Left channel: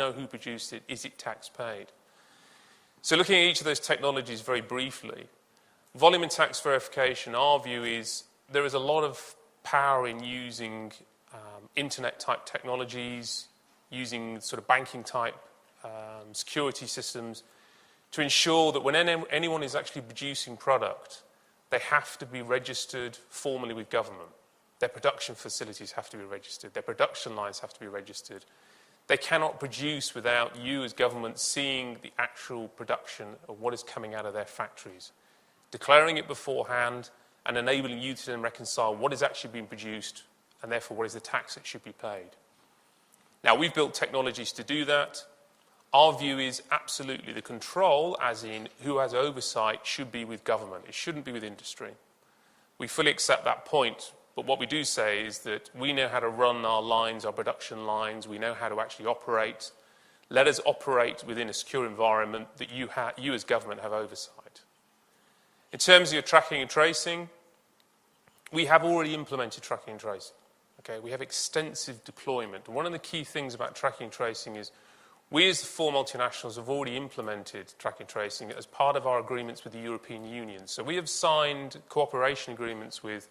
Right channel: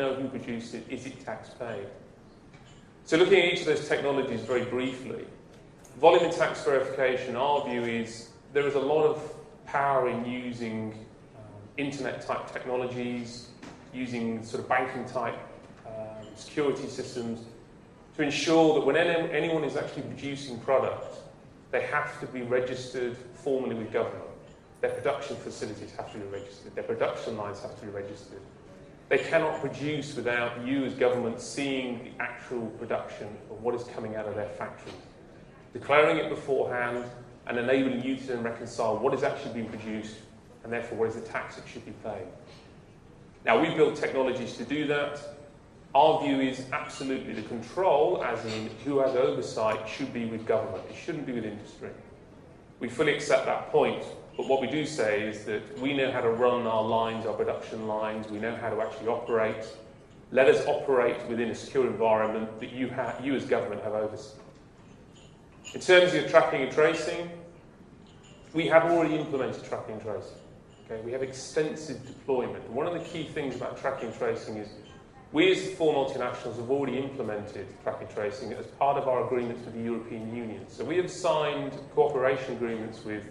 know who produced it? Is it tax paid? So looking at each of those technologies very briefly, volume and tax verification, our view is there is a lot of power in using internet-type technologies, using sort of banking-type security systems to ensure that when anyone is actually producing product, they have to be registered formally with government. Their production facilities have to be registered. Their production lines have to be registered. They cannot produce without you as government seeing the actual production of what is coming out of their factories, declaring it beforehand and enabling you to then reconcile what is actually being produced and therefore what is the tax that should be paid. Now, we've built technologies to do that. Our view is absolutely the control, as in who has oversight, should be with government. It shouldn't be with industry. We fully accept that point, but what we do say is that we know how to run our lines, our production lines. We know how to actually operate. Let us operate within a secure environment that you as government have oversight. In terms of your tracking and tracing, we have already implemented tracking and tracing. Okay? We have extensive deployment. And one of the key things about tracking and tracing is we as the four multinationals have already implemented tracking and tracing as part of our agreements with the European Union. So we have signed cooperation agreements with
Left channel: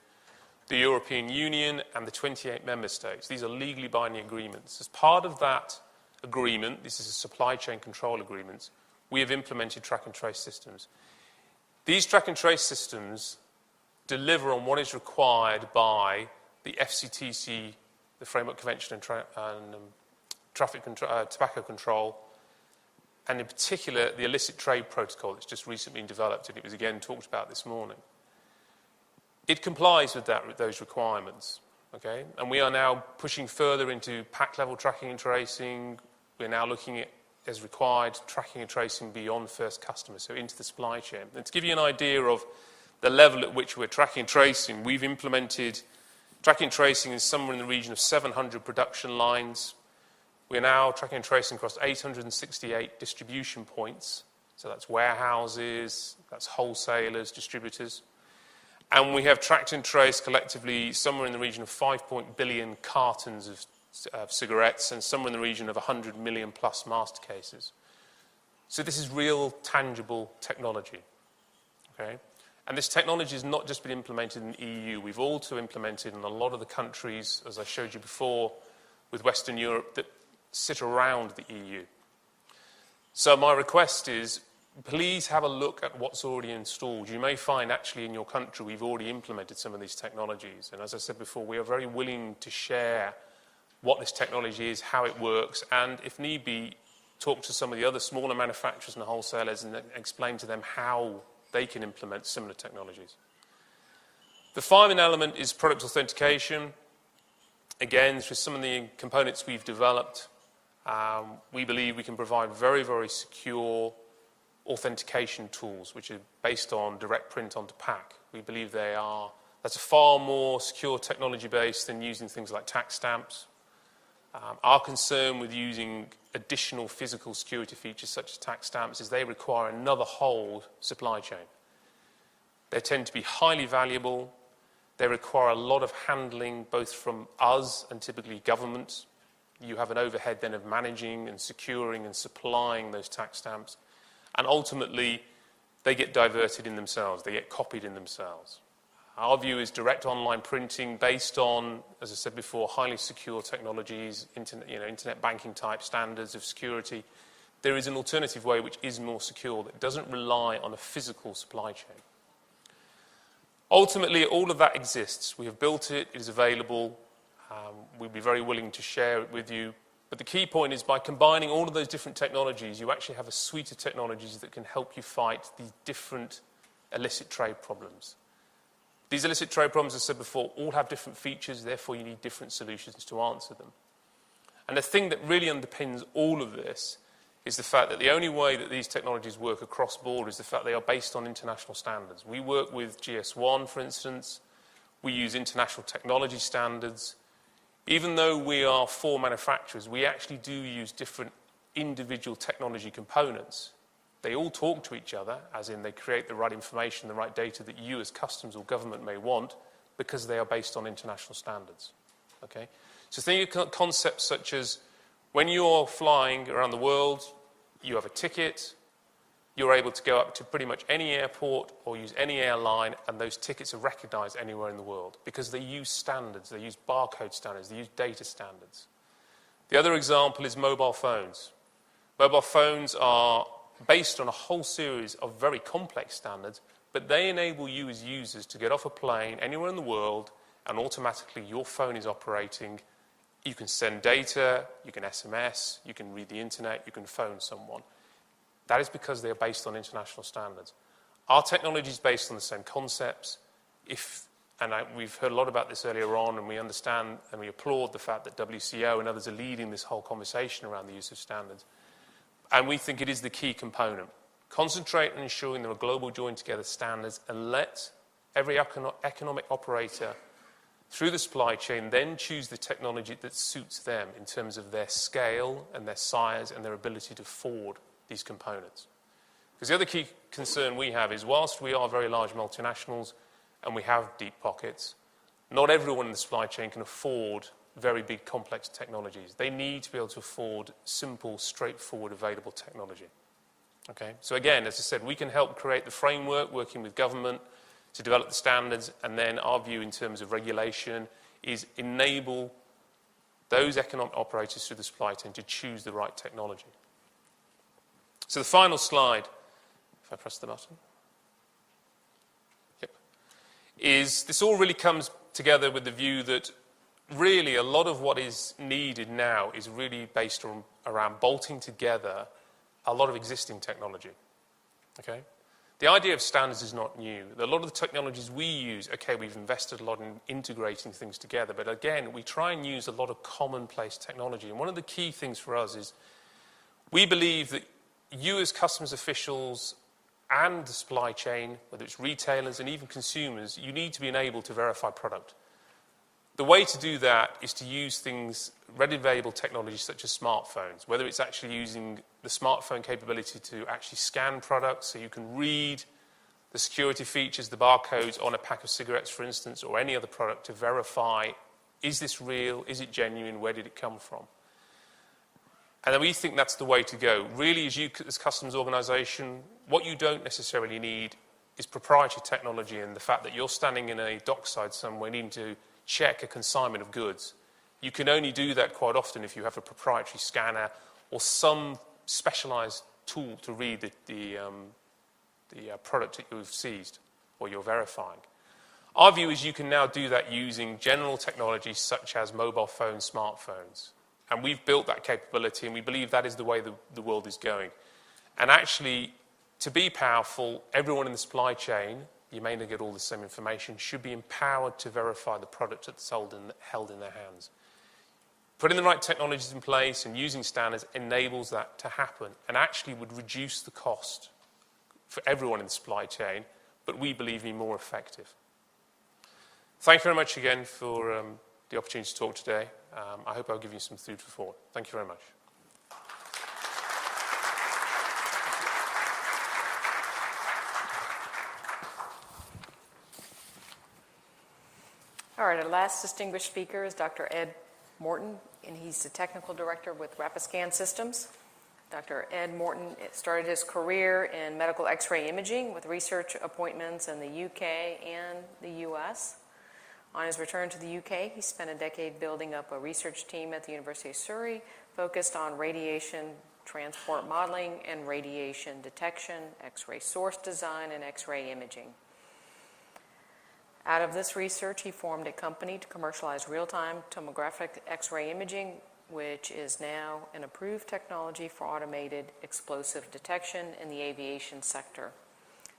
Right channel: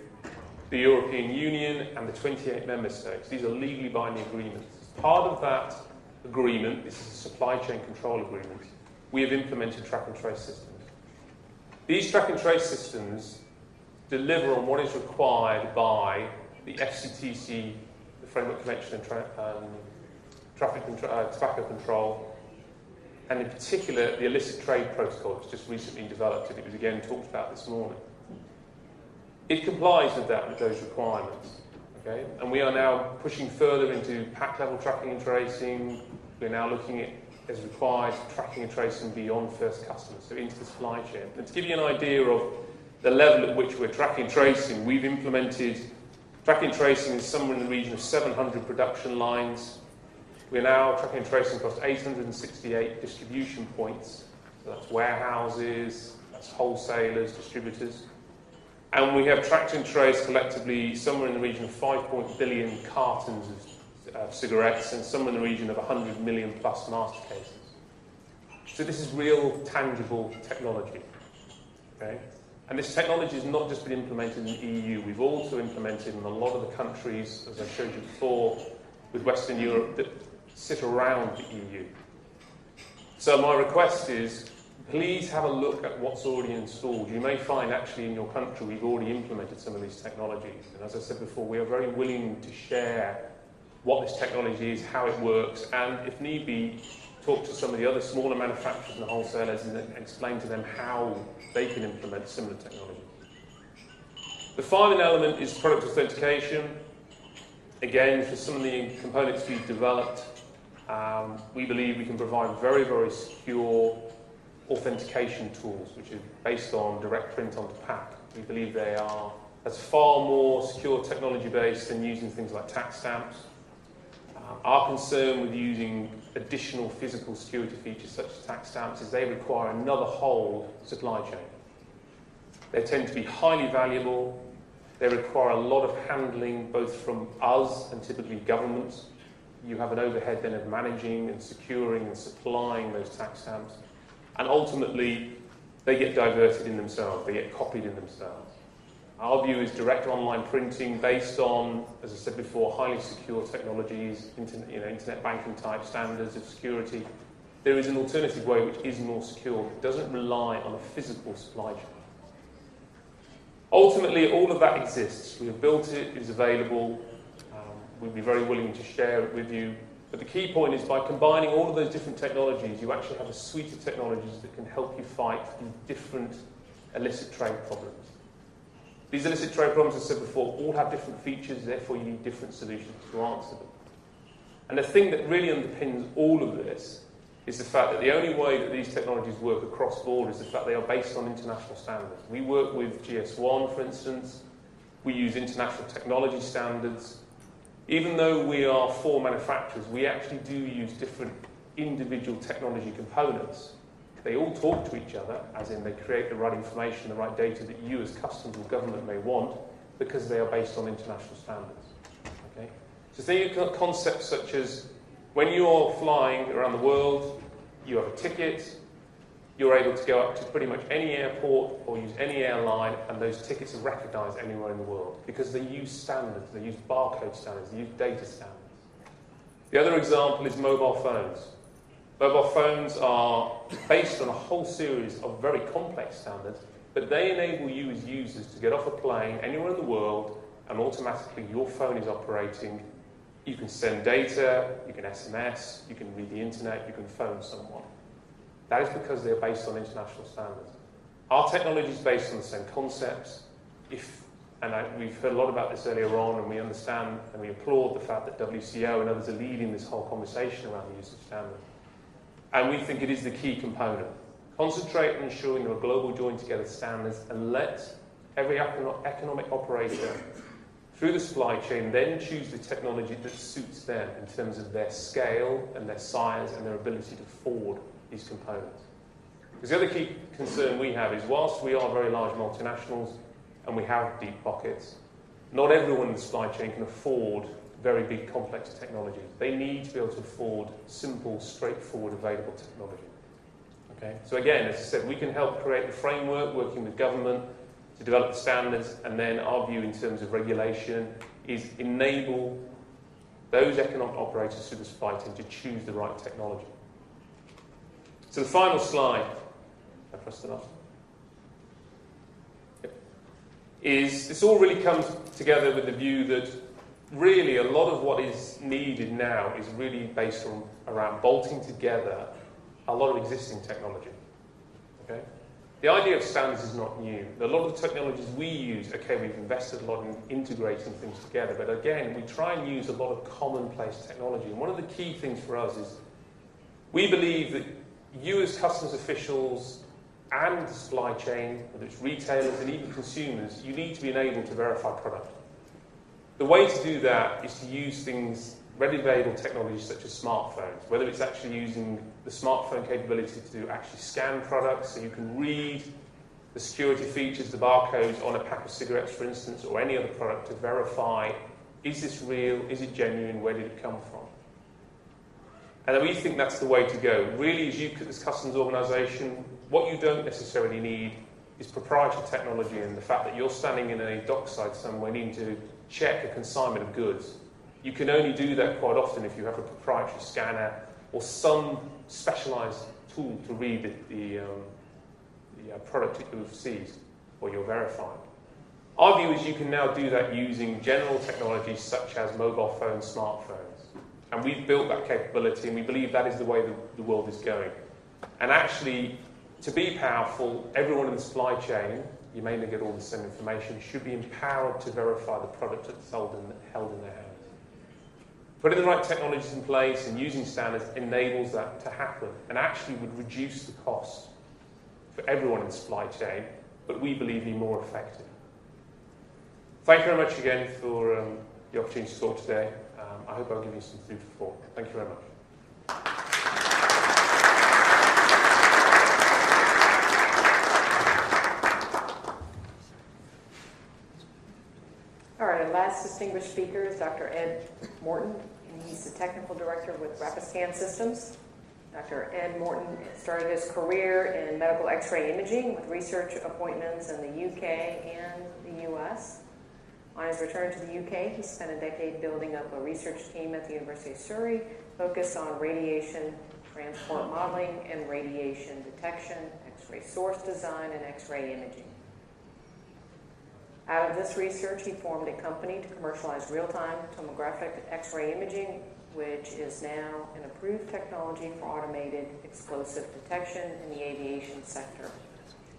the European Union and the 28 member states. These are legally binding agreements. As part of that agreement, this is a supply chain control agreement, we have implemented track and trace systems. These track and trace systems deliver on what is required by the FCTC, the Framework Convention on Tobacco Control, and in particular the illicit trade protocol that's just recently developed, and it was again talked about this morning. It complies with those requirements, okay? And we are now pushing further into pack-level tracking and tracing. We're now looking at, as required, tracking and tracing beyond first customer, so into the supply chain. And to give you an idea of the level at which we're tracking and tracing, we've implemented tracking and tracing is somewhere in the region of 700 production lines. We're now tracking and tracing across 868 distribution points, so that's warehouses, that's wholesalers, distributors. And we have tracked and traced collectively somewhere in the region of 5 billion cartons of cigarettes and somewhere in the region of 100 million plus master cases. So this is real, tangible technology. Okay? And this technology has not just been implemented in the EU, we've also implemented in a lot of the countries, as I showed you before, with Western Europe that sit around the EU. So my request is, please have a look at what's already installed. You may find actually in your country we've already implemented some of these technologies. And as I said before, we are very willing to share what this technology is, how it works, and if need be, talk to some of the other smaller manufacturers and wholesalers and explain to them how they can implement similar technologies. The final element is product authentication. Again, through some of the components we've developed, we believe we can provide very, very secure authentication tools, which are based on direct print onto pack. We believe that's far more secure technology based than using things like tax stamps. Our concern with using additional physical security features such as tax stamps is they require another whole supply chain. They tend to be highly valuable. They require a lot of handling, both from us and typically governments. You have an overhead then of managing and securing and supplying those tax stamps. And ultimately, they get diverted in themselves. They get copied in themselves. Our view is direct online printing based on, as I said before, highly secure technologies, internet banking type standards of security. There is an alternative way which is more secure, that doesn't rely on a physical supply chain. Ultimately, all of that exists. We have built it, it is available. We'd be very willing to share it with you. But the key point is by combining all of those different technologies, you actually have a suite of technologies that can help you fight these different illicit trade problems. These illicit trade problems, as I said before, all have different features, therefore you need different solutions to answer them. And the thing that really underpins all of this is the fact that the only way that these technologies work across borders is the fact they are based on international standards. We work with GS1, for instance. We use international technology standards. Even though we are four manufacturers, we actually do use different individual technology components. They all talk to each other, as in they create the right information, the right data that you as customs or government may want, because they are based on international standards. Okay? So think of concepts such as When you're flying around the world, you have a ticket, you're able to go up to pretty much any airport or use any airline, and those tickets are recognised anywhere in the world because they use standards, they use barcode standards, they use data standards. The other example is mobile phones. Mobile phones are based on a whole series of very complex standards, but they enable you as users to get off a plane anywhere in the world and automatically your phone is operating. You can send data, you can SMS, you can read the internet, you can phone someone. That is because they are based on international standards. Our technology is based on the same concepts. We've heard a lot about this earlier on, and we understand and we applaud the fact that WCO and others are leading this whole conversation around the use of standards. And we think it is the key component. Concentrate on ensuring there are global joined together standards and let every economic operator through the supply chain then choose the technology that suits them in terms of their scale and their size and their ability to afford these components. Because the other key concern we have is whilst we are very large multinationals and we have deep pockets, not everyone in the supply chain can afford very big complex technologies. They need to be able to afford simple, straightforward, available technology. Okay? So again, as I said, we can help create the framework working with government to develop the standards, and then our view in terms of regulation is enable those economic operators through the supply chain to choose the right technology. So the final slide, if I press the button, is this all really comes together with the view that really a lot of what is needed now is really based around bolting together a lot of existing technology. Okay? The idea of standards is not new. A lot of the technologies we use, okay, we've invested a lot in integrating things together, but again, we try and use a lot of commonplace technology. And one of the key things for us is we believe that you as customs officials and the supply chain, whether it's retailers and even consumers, you need to be able to verify product. The way to do that is to use things, readily available technologies such as smartphones, whether it's actually using the smartphone capability to actually scan products so you can read the security features, the barcodes on a pack of cigarettes, for instance, or any other product to verify, is this real, is it genuine, where did it come from? And we think that's the way to go. Really, as you, as customs organisation, what you don't necessarily need is proprietary technology and the fact that you're standing in a dockside somewhere needing to check a consignment of goods. You can only do that quite often if you have a proprietary scanner or some specialised tool to read the product that you've seized or you're verifying. Our view is you can now do that using general technologies such as mobile phones, smartphones. And we've built that capability, and we believe that is the way the world is going. And actually, to be powerful, everyone in the supply chain, you may not get all the same information, should be empowered to verify the product that's held in their hands. Putting the right technologies in place and using standards enables that to happen and actually would reduce the cost for everyone in the supply chain, but we believe be more effective. Thank you very much again for the opportunity to talk today. I hope I'll give you some food for thought. Thank you very much. All right, our last distinguished speaker is Dr. Ed Morton, and he's the technical director with Rapiscan Systems. Dr. Ed Morton started his career in medical X-ray imaging with research appointments in the UK and the US. On his return to the UK, he spent a decade building up a research team at the University of Surrey focused on radiation transport modeling and radiation detection, X-ray source design, and X-ray imaging. Out of this research, he formed a company to commercialize real-time tomographic X-ray imaging, which is now an approved technology for automated explosive detection in the aviation sector.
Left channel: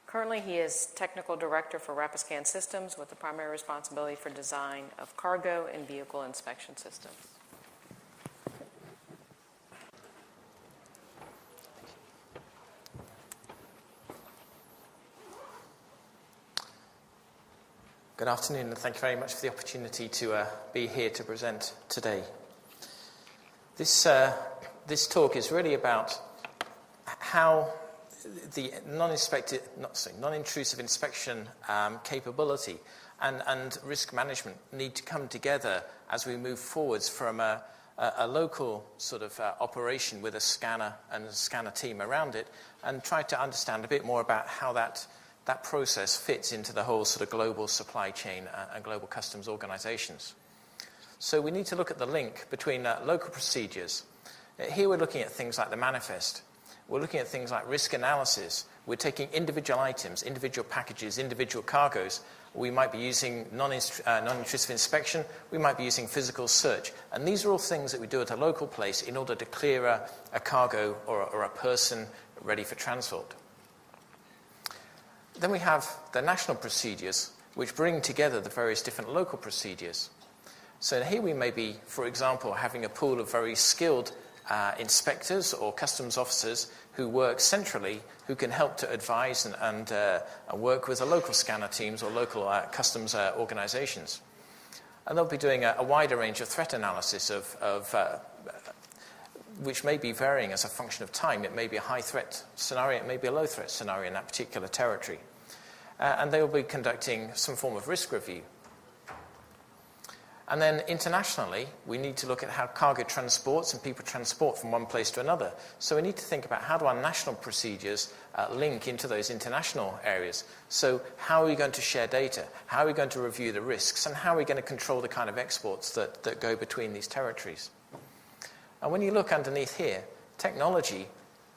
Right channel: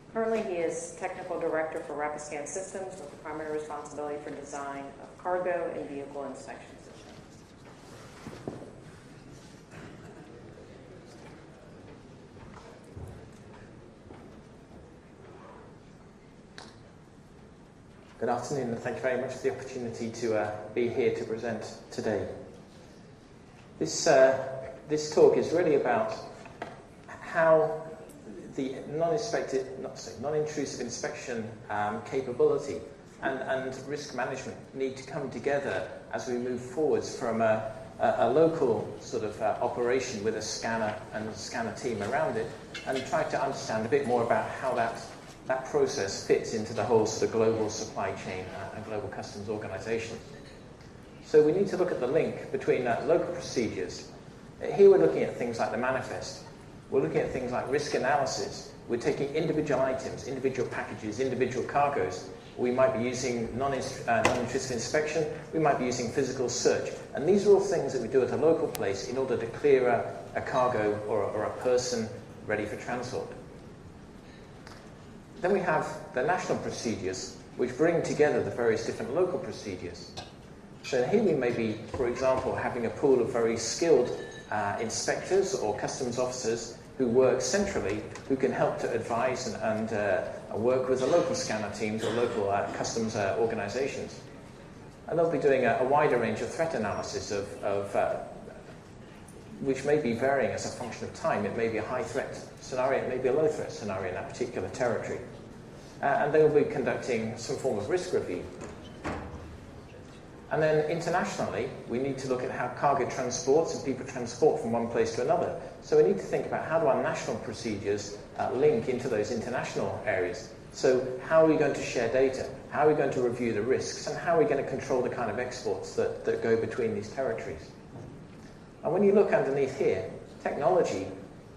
Currently, he is technical director for Rapiscan Systems with the primary responsibility for design of cargo and vehicle inspection systems. Good afternoon, and thank you very much for the opportunity to be here to present today. This talk is really about how the non-intrusive inspection capability and risk management need to come together as we move forwards from a a local sort of operation with a scanner and a scanner team around it, and try to understand a bit more about how that process fits into the whole sort of global supply chain and global customs organizations. So we need to look at the link between local procedures. Here we're looking at things like the manifest. We're looking at things like risk analysis. We're taking individual items, individual packages, individual cargoes. We might be using non-intrusive inspection. We might be using physical search. And these are all things that we do at a local place in order to clear a cargo or a person ready for transport. Then we have the national procedures, which bring together the various different local procedures. So here we may be, for example, having a pool of very skilled inspectors or customs officers who work centrally, who can help to advise and work with the local scanner teams or local customs organizations. And they'll be doing a wider range of threat analysis which may be varying as a function of time. It may be a high threat scenario, it may be a low threat scenario in that particular territory. And they will be conducting some form of risk review. And then internationally, we need to look at how cargo transports and people transport from one place to another. So we need to think about how do our national procedures link into those international areas. So how are we going to share data? How are we going to review the risks? And how are we going to control the kind of exports that go between these territories? And when you look underneath here, technology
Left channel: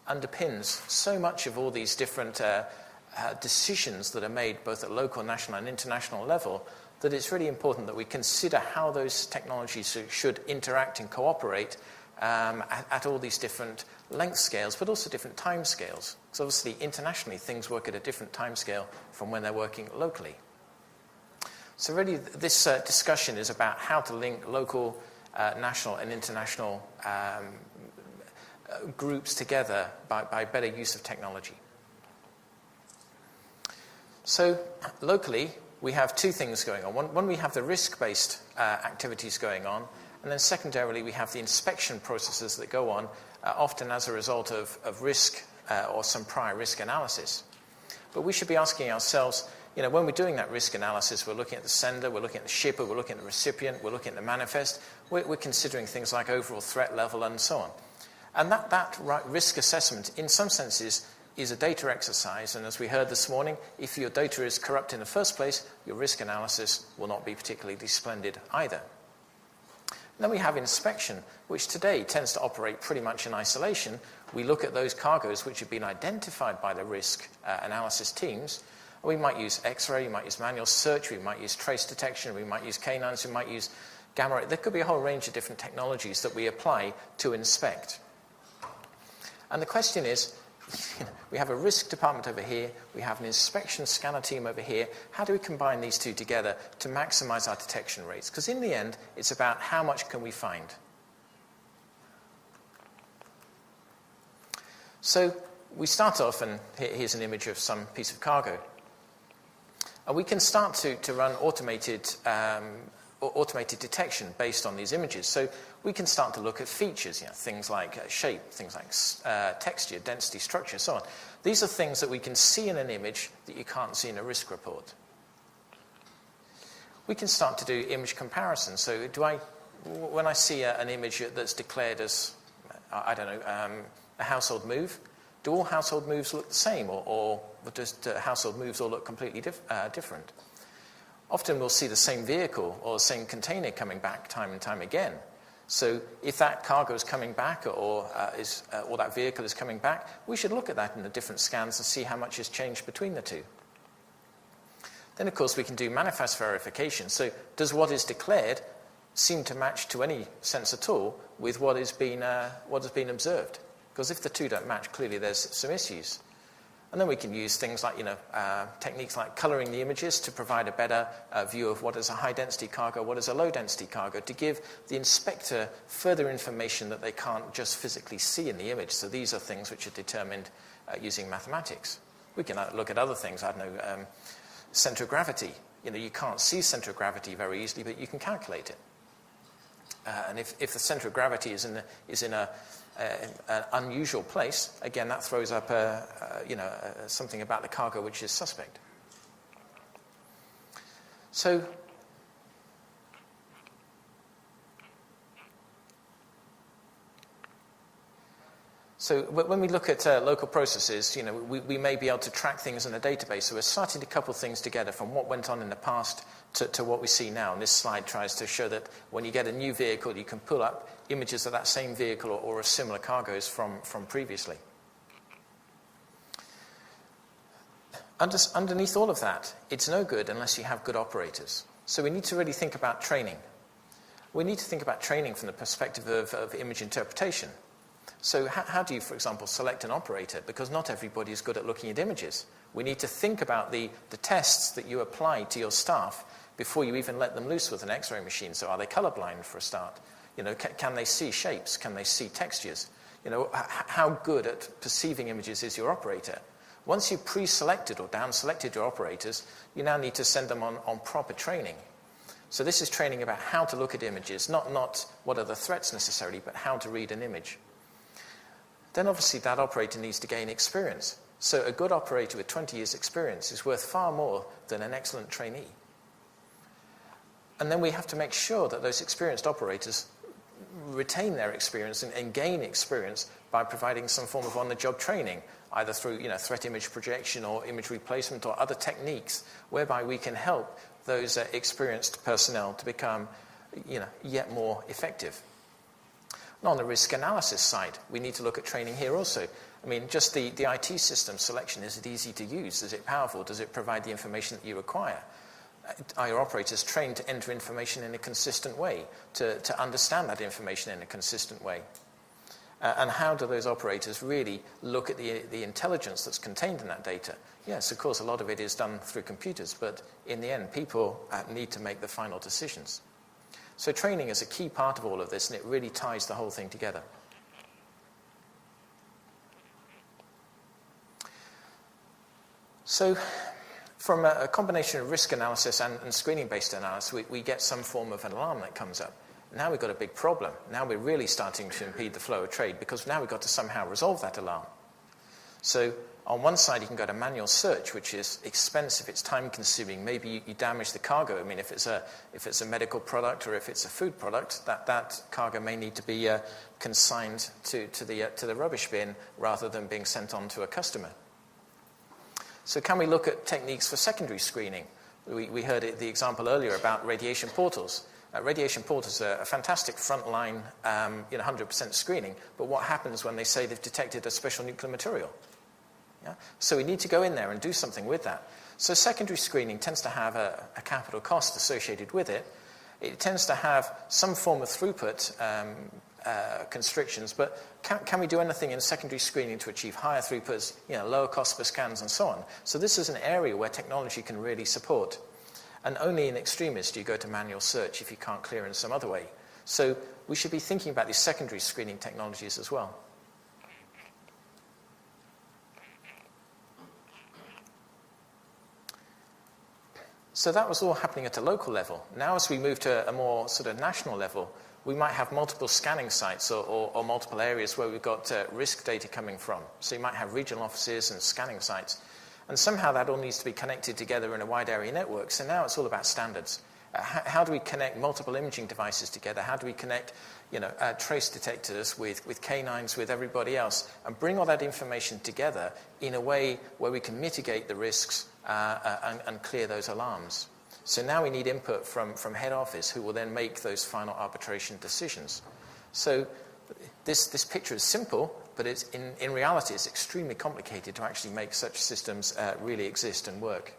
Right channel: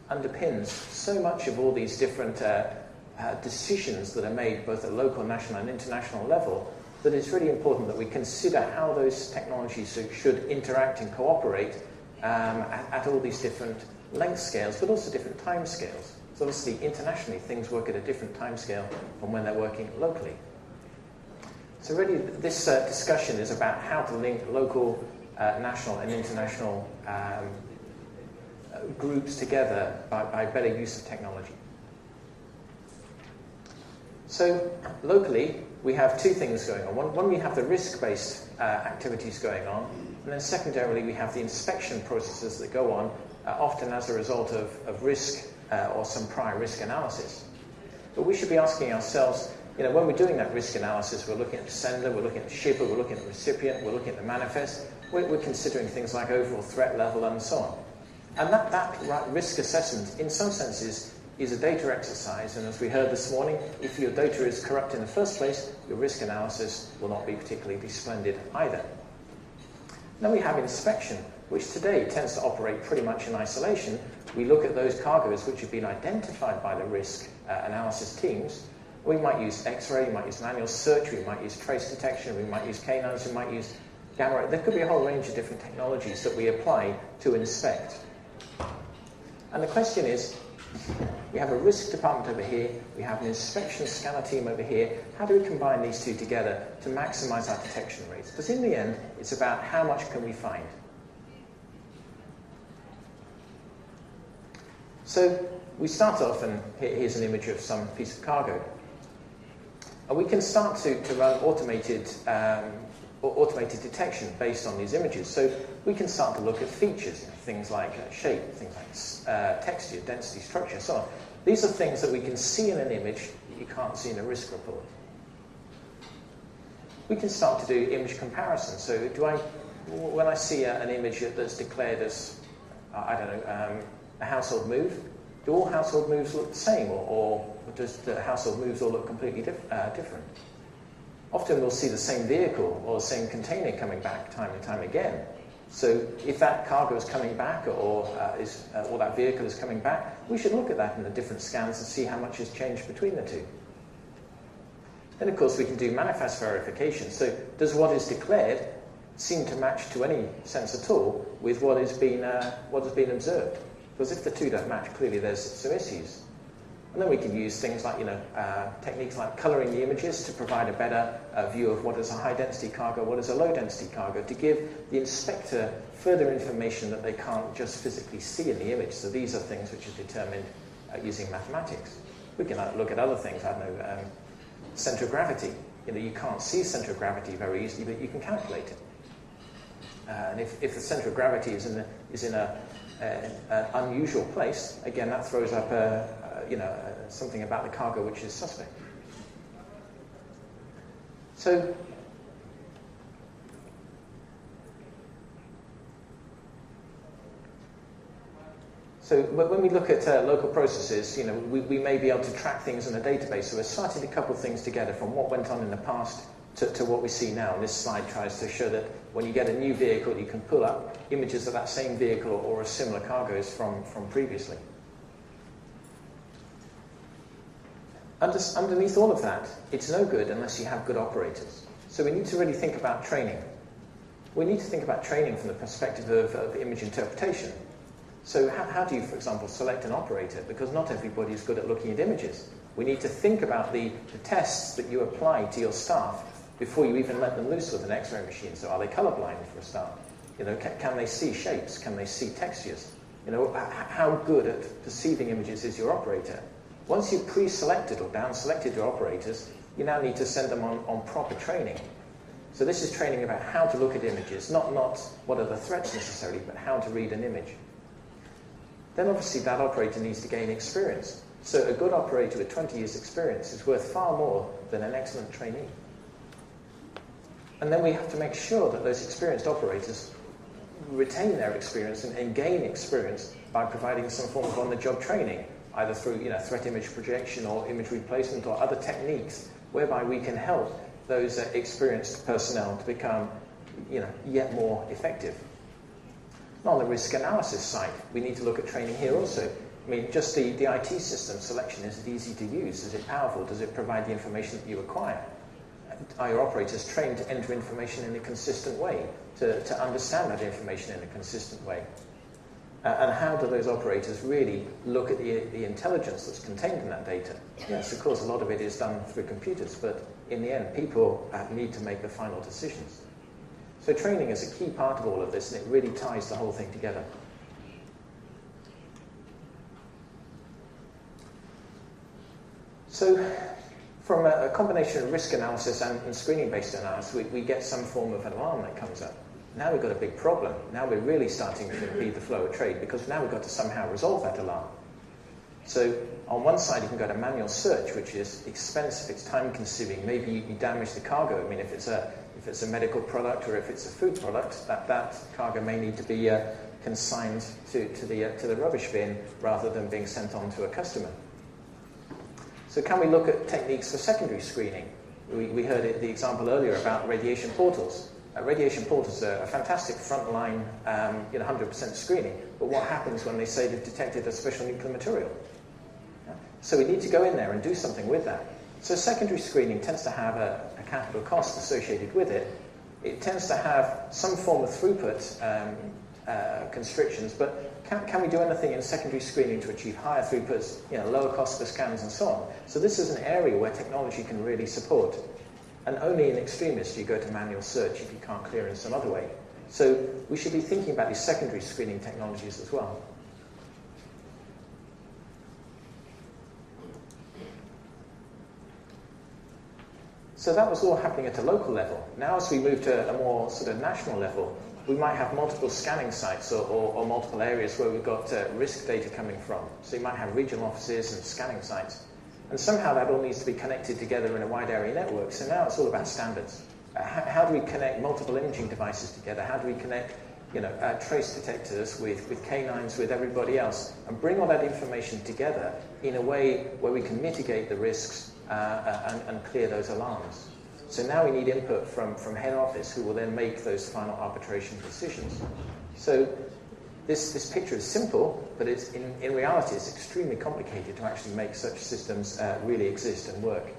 underpins so much of all these different decisions that are made both at local, national and international level, that it's really important that we consider how those technologies should interact and cooperate at all these different length scales, but also different time scales. So obviously, internationally, things work at a different time scale from when they're working locally. So really, this discussion is about how to link local, national and international groups together by better use of technology. So locally, we have two things going on. One, we have the risk-based activities going on, and then secondarily, we have the inspection processes that go on, often as a result of risk or some prior risk analysis. But we should be asking ourselves, when we're doing that risk analysis, we're looking at the sender, we're looking at the shipper, we're looking at the recipient, we're looking at the manifest, we're considering things like overall threat level and so on. And that risk assessment, in some senses, is a data exercise, and as we heard this morning, if your data is corrupt in the first place, your risk analysis will not be particularly splendid either. Then we have inspection, which today tends to operate pretty much in isolation. We look at those cargoes which have been identified by the risk analysis teams. We might use X-ray, we might use manual search, we might use trace detection, we might use canines, we might use gamma ray. There could be a whole range of different technologies that we apply to inspect. And the question is, we have a risk department over here, we have an inspection scanner team over here. How do we combine these two together to maximize our detection rates? Because in the end, it's about how much can we find. So we start off, and here's an image of some piece of cargo. We can start to run automated detection based on these images. So we can start to look at features, things like shape, things like texture, density, structure, so on. These are things that we can see in an image that you can't see in a risk report. We can start to do image comparison. So when I see an image that's declared as, a household move, do all household moves look the same, or does household moves all look completely different? Often we'll see the same vehicle or the same container coming back time and time again. So if that cargo is coming back or that vehicle is coming back, we should look at that in the different scans and see how much has changed between the two. Then, of course, we can do manifest verification. So does what is declared seem to match to any sense at all with what has been observed? Because if the two don't match, clearly there's some issues. And then we can use things like, techniques like colouring the images to provide a better view of what is a high-density cargo, what is a low-density cargo, to give the inspector further information that they can't just physically see in the image. So these are things which are determined using mathematics. We can look at other things, centre of gravity. You can't see centre of gravity very easily, but you can calculate it. And if the centre of gravity is in an unusual place, again, that throws up something about the cargo which is suspect. So So when we look at local processes, we may be able to track things in a database. So we're starting to couple things together from what went on in the past to what we see now. And this slide tries to show that when you get a new vehicle, you can pull up images of that same vehicle or a similar cargoes from previously. Underneath all of that, it's no good unless you have good operators. So we need to really think about training. We need to think about training from the perspective of image interpretation. So how do you, for example, select an operator? Because not everybody is good at looking at images. We need to think about the tests that you apply to your staff before you even let them loose with an X-ray machine. So are they colorblind for a start? Can they see shapes? Can they see textures? How good at perceiving images is your operator? Once you've pre-selected or down-selected your operators, you now need to send them on proper training. So this is training about how to look at images, not what are the threats necessarily, but how to read an image. Then obviously that operator needs to gain experience. So a good operator with 20 years experience is worth far more than an excellent trainee. And then we have to make sure that those experienced operators retain their experience and gain experience by providing some form of on-the-job training, either through threat image projection or image replacement or other techniques whereby we can help those experienced personnel to become yet more effective. And on the risk analysis side, we need to look at training here also. I mean, just the IT system selection, is it easy to use? Is it powerful? Does it provide the information that you require? Are your operators trained to enter information in a consistent way, to understand that information in a consistent way? And how do those operators really look at the intelligence that's contained in that data? Yes, of course, a lot of it is done through computers, but in the end, people need to make the final decisions. So training is a key part of all of this, and it really ties the whole thing together. So from a combination of risk analysis and screening-based analysis, we get some form of an alarm that comes up. Now we've got a big problem. Now we're really starting to impede the flow of trade because now we've got to somehow resolve that alarm. So on one side, you can go to manual search, which is expensive, it's time-consuming. Maybe you damage the cargo. I mean, if it's a medical product or if it's a food product, that cargo may need to be consigned to the rubbish bin rather than being sent on to a customer. So can we look at techniques for secondary screening? We heard the example earlier about radiation portals. Radiation portals are a fantastic frontline 100% screening, but what happens when they say they've detected a special nuclear material? Yeah? So we need to go in there and do something with that. So secondary screening tends to have a capital cost associated with it. It tends to have some form of throughput constrictions, but can we do anything in secondary screening to achieve higher throughputs, lower cost per scans and so on? So this is an area where technology can really support. And only in extremis do you go to manual search if you can't clear in some other way. So we should be thinking about these secondary screening technologies as well. So that was all happening at a local level. Now as we move to a more sort of national level, we might have multiple scanning sites or multiple areas where we've got risk data coming from. So you might have regional offices and scanning sites. And somehow that all needs to be connected together in a wide area network. So now it's all about standards. How do we connect multiple imaging devices together? How do we connect trace detectors with canines, with everybody else, and bring all that information together in a way where we can mitigate the risks and clear those alarms? So now we need input from head office, who will then make those final arbitration decisions. So this picture is simple, but it's in reality it's extremely complicated to actually make such systems really exist and work.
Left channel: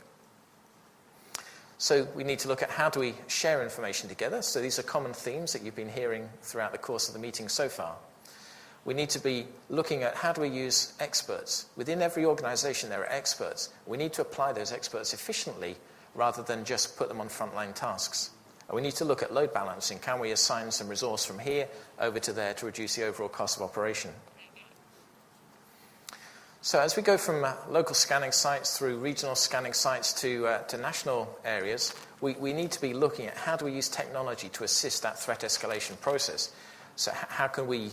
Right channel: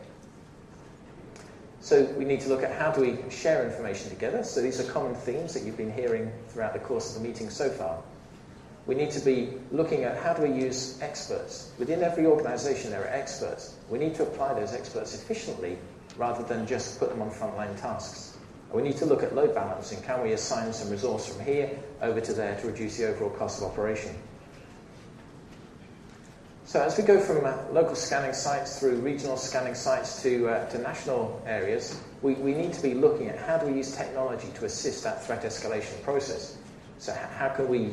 So we need to look at how do we share information together. So these are common themes that you've been hearing throughout the course of the meeting so far. We need to be looking at how do we use experts. Within every organization there are experts. We need to apply those experts efficiently rather than just put them on frontline tasks. We need to look at load balancing. Can we assign some resource from here over to there to reduce the overall cost of operation? So as we go from local scanning sites through regional scanning sites to national areas, we need to be looking at how do we use technology to assist that threat escalation process. So how can we